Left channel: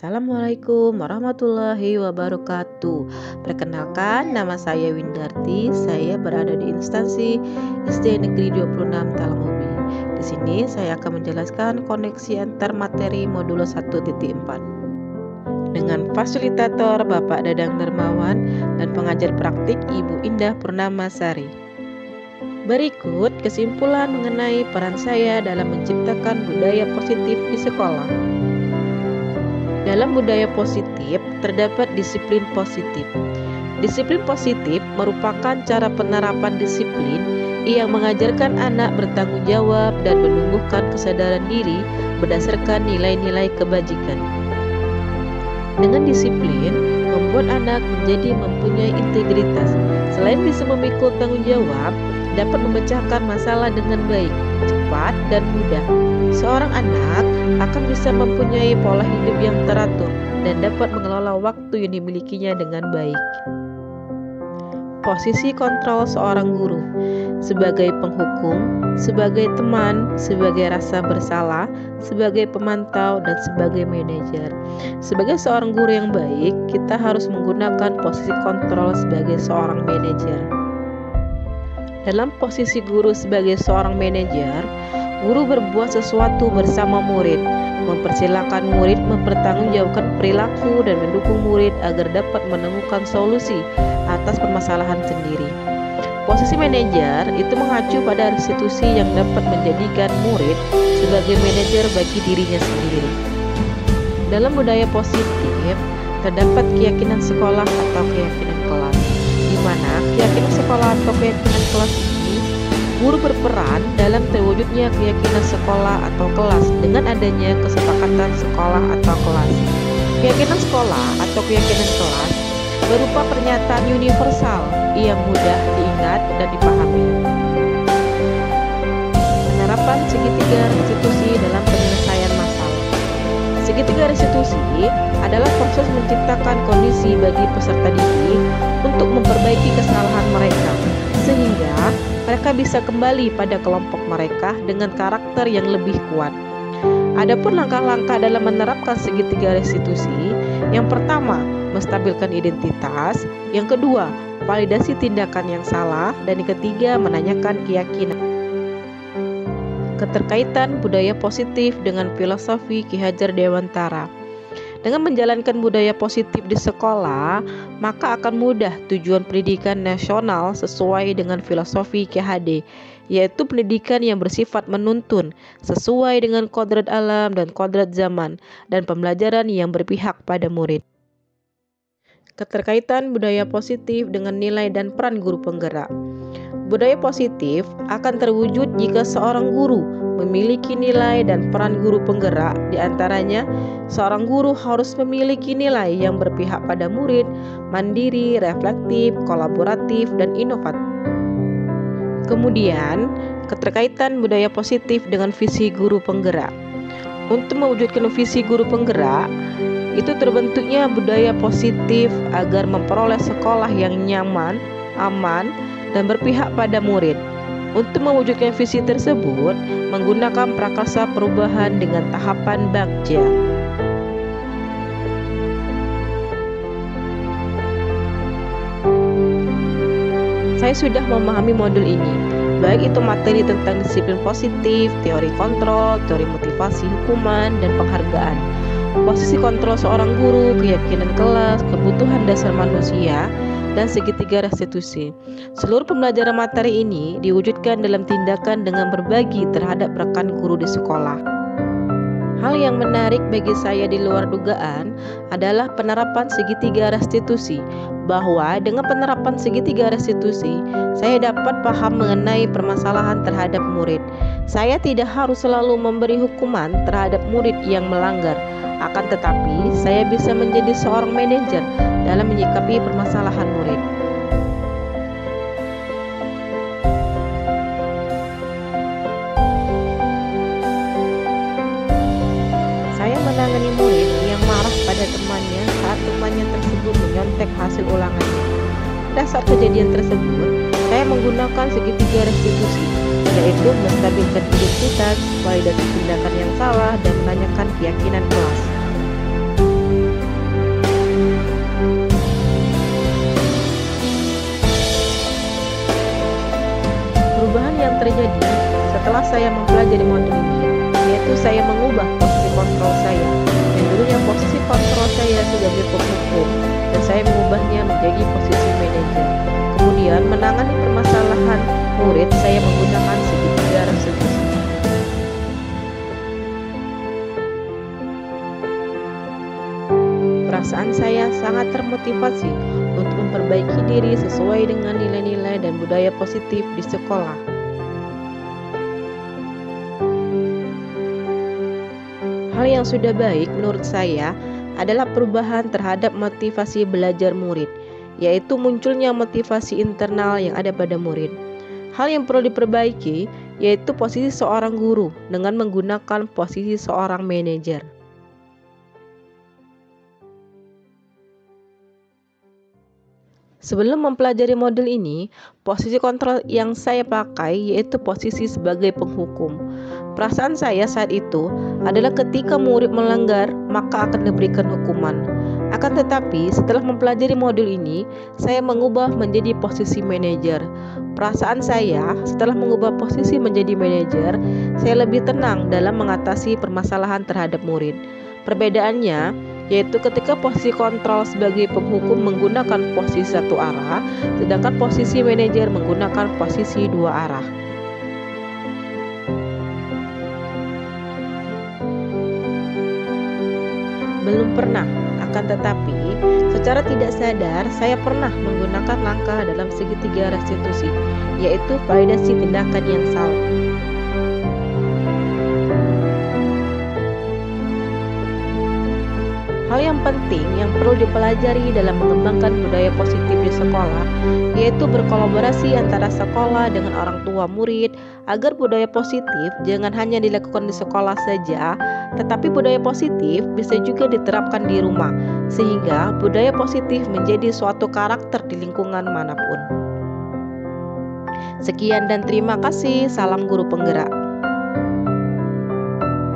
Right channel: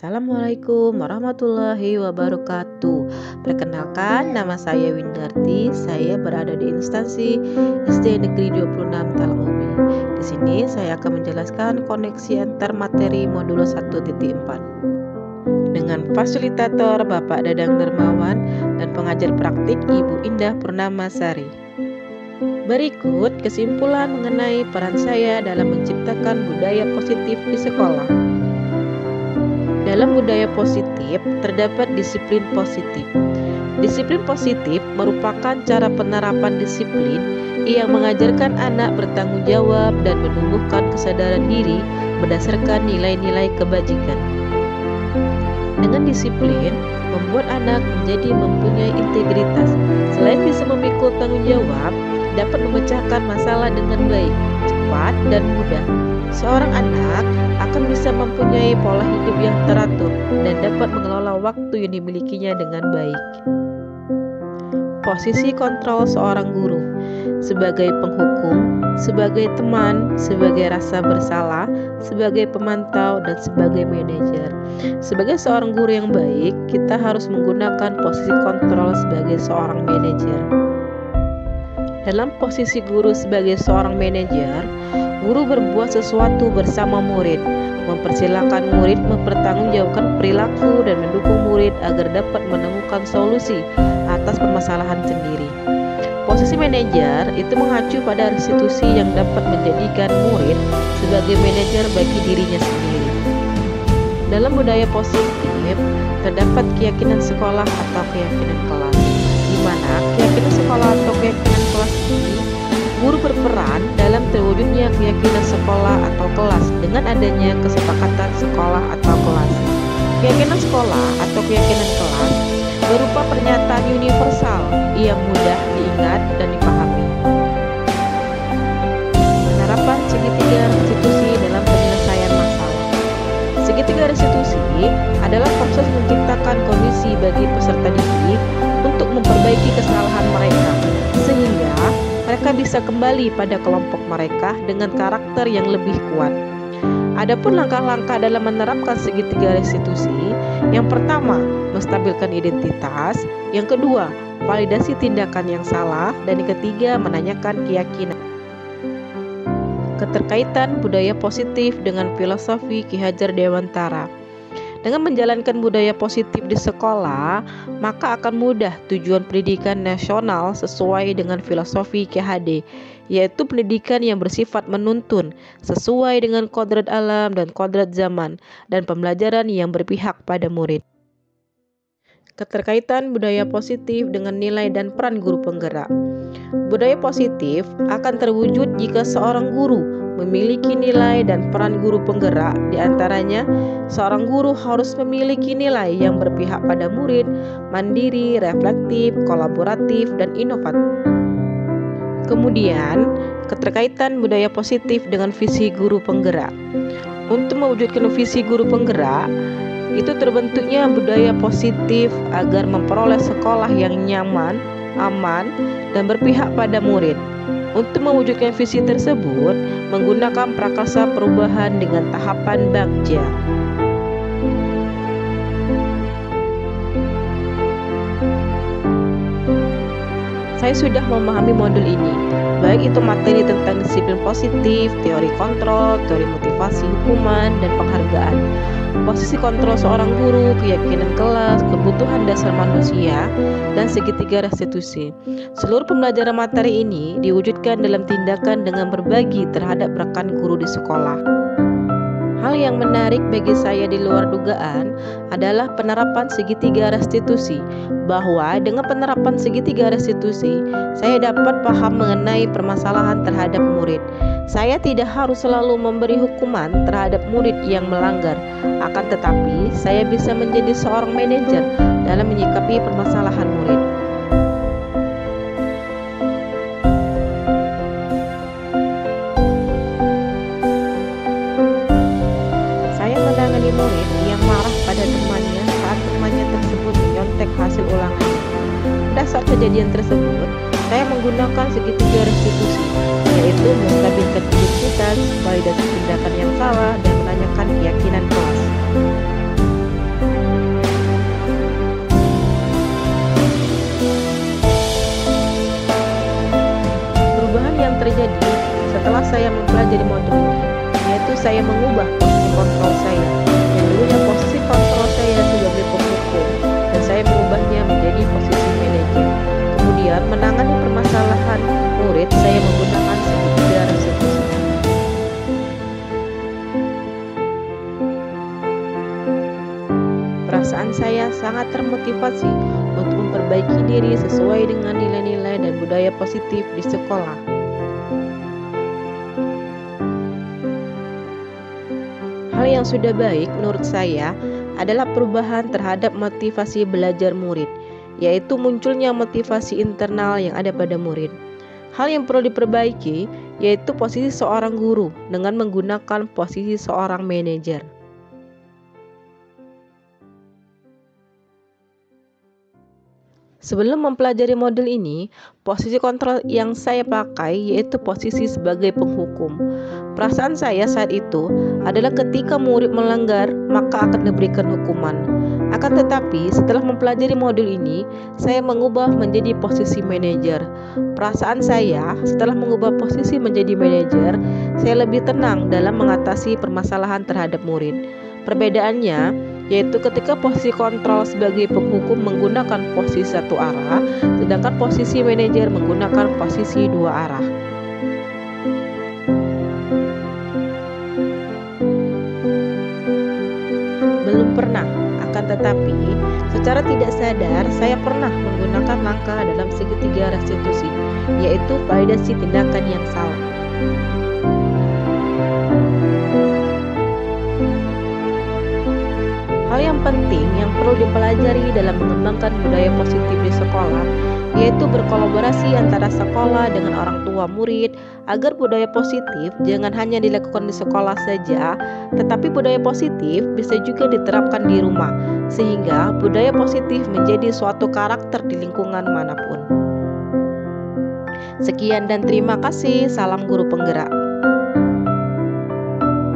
Assalamualaikum warahmatullahi wabarakatuh. Perkenalkan, nama saya Windarti. Saya berada di instansi SD Negeri 26 Talangubi. Di sini saya akan menjelaskan koneksi antar materi modul 1.4 dengan fasilitator Bapak Dadang Dermawan dan pengajar praktik Ibu Indah Purnamasari. Berikut kesimpulan mengenai peran saya dalam menciptakan budaya positif di sekolah. Dalam budaya positif terdapat disiplin positif. Disiplin positif merupakan cara penerapan disiplin yang mengajarkan anak bertanggung jawab dan menumbuhkan kesadaran diri berdasarkan nilai-nilai kebajikan. Dengan disiplin, membuat anak menjadi mempunyai integritas. Selain bisa memikul tanggung jawab, dapat memecahkan masalah dengan baik, cepat, dan mudah. Seorang anak akan bisa mempunyai pola hidup yang teratur dan dapat mengelola waktu yang dimilikinya dengan baik. Posisi kontrol seorang guru sebagai penghukum, sebagai teman, sebagai rasa bersalah, sebagai pemantau, dan sebagai manajer. Sebagai seorang guru yang baik, kita harus menggunakan posisi kontrol sebagai seorang manajer. Dalam posisi guru sebagai seorang manajer, guru berbuat sesuatu bersama murid, mempersilahkan murid mempertanggungjawabkan perilaku dan mendukung murid agar dapat menemukan solusi atas permasalahan sendiri. Posisi manajer itu mengacu pada institusi yang dapat menjadikan murid sebagai manajer bagi dirinya sendiri. Dalam budaya positif, terdapat keyakinan sekolah atau keyakinan kelas, di mana keyakinan sekolah atau keyakinan kelas ini guru berperan dalam terwujudnya keyakinan sekolah atau kelas dengan adanya kesepakatan sekolah atau kelas. Keyakinan sekolah atau keyakinan kelas berupa pernyataan universal yang mudah diingat dan dipahami. Penerapan segitiga restitusi dalam penyelesaian masalah. Segitiga restitusi adalah proses menciptakan kondisi bagi peserta didik untuk memperbaiki kesalahan mereka, sehingga mereka bisa kembali pada kelompok mereka dengan karakter yang lebih kuat. Adapun langkah-langkah dalam menerapkan segitiga restitusi, yang pertama, menstabilkan identitas, yang kedua, validasi tindakan yang salah, dan yang ketiga, menanyakan keyakinan. Keterkaitan budaya positif dengan filosofi Ki Hajar Dewantara. Dengan menjalankan budaya positif di sekolah, maka akan mudah tujuan pendidikan nasional sesuai dengan filosofi KHD, yaitu pendidikan yang bersifat menuntun, sesuai dengan kodrat alam dan kodrat zaman, dan pembelajaran yang berpihak pada murid. Keterkaitan budaya positif dengan nilai dan peran guru penggerak. Budaya positif akan terwujud jika seorang guru memiliki nilai dan peran guru penggerak. Di antaranya, seorang guru harus memiliki nilai yang berpihak pada murid, mandiri, reflektif, kolaboratif, dan inovatif. Kemudian, keterkaitan budaya positif dengan visi guru penggerak. Untuk mewujudkan visi guru penggerak, itu terbentuknya budaya positif agar memperoleh sekolah yang nyaman, aman, dan berpihak pada murid. Untuk mewujudkan visi tersebut, menggunakan prakarsa perubahan dengan tahapan Bagja. Saya sudah memahami modul ini, baik itu materi tentang disiplin positif, teori kontrol, teori motivasi hukuman, dan penghargaan. Posisi kontrol seorang guru, keyakinan kelas, kebutuhan dasar manusia, dan segitiga restitusi. Seluruh pembelajaran materi ini diwujudkan dalam tindakan dengan berbagi terhadap rekan guru di sekolah. Hal yang menarik bagi saya di luar dugaan adalah penerapan segitiga restitusi, bahwa dengan penerapan segitiga restitusi, saya dapat paham mengenai permasalahan terhadap murid. Saya tidak harus selalu memberi hukuman terhadap murid yang melanggar, akan tetapi saya bisa menjadi seorang manajer dalam menyikapi permasalahan murid. Saya menangani murid yang marah pada temannya saat temannya tersebut menyontek hasil ulangannya. Pada saat kejadian tersebut, saya menggunakan segitiga restitusi, yaitu menstabilkan identitas, validasi tindakan yang salah, dan menanyakan keyakinan kelas. terjadi setelah saya mempelajari modul ini, yaitu saya mengubah posisi kontrol saya. Yang dulunya posisi kontrol saya sebagai penghukum, dan saya mengubahnya menjadi posisi manajer. Kemudian menangani permasalahan murid, saya menggunakan segitiga restitusi. Perasaan saya sangat termotivasi untuk memperbaiki diri sesuai dengan nilai-nilai dan budaya positif di sekolah. Hal yang sudah baik menurut saya adalah perubahan terhadap motivasi belajar murid, yaitu munculnya motivasi internal yang ada pada murid. Hal yang perlu diperbaiki yaitu posisi seorang guru dengan menggunakan posisi seorang manajer. Sebelum mempelajari modul ini, posisi kontrol yang saya pakai yaitu posisi sebagai penghukum. Perasaan saya saat itu adalah ketika murid melanggar, maka akan diberikan hukuman. Akan tetapi, setelah mempelajari modul ini, saya mengubah menjadi posisi manajer. Perasaan saya setelah mengubah posisi menjadi manajer, saya lebih tenang dalam mengatasi permasalahan terhadap murid. Perbedaannya yaitu ketika posisi kontrol sebagai penghukum menggunakan posisi satu arah, sedangkan posisi manajer menggunakan posisi dua arah. Belum pernah, akan tetapi secara tidak sadar saya pernah menggunakan langkah dalam segitiga restitusi, yaitu validasi tindakan yang salah. Hal yang penting yang perlu dipelajari dalam mengembangkan budaya positif di sekolah yaitu berkolaborasi antara sekolah dengan orang tua murid agar budaya positif jangan hanya dilakukan di sekolah saja, tetapi budaya positif bisa juga diterapkan di rumah sehingga budaya positif menjadi suatu karakter di lingkungan manapun. Sekian dan terima kasih. Salam guru penggerak.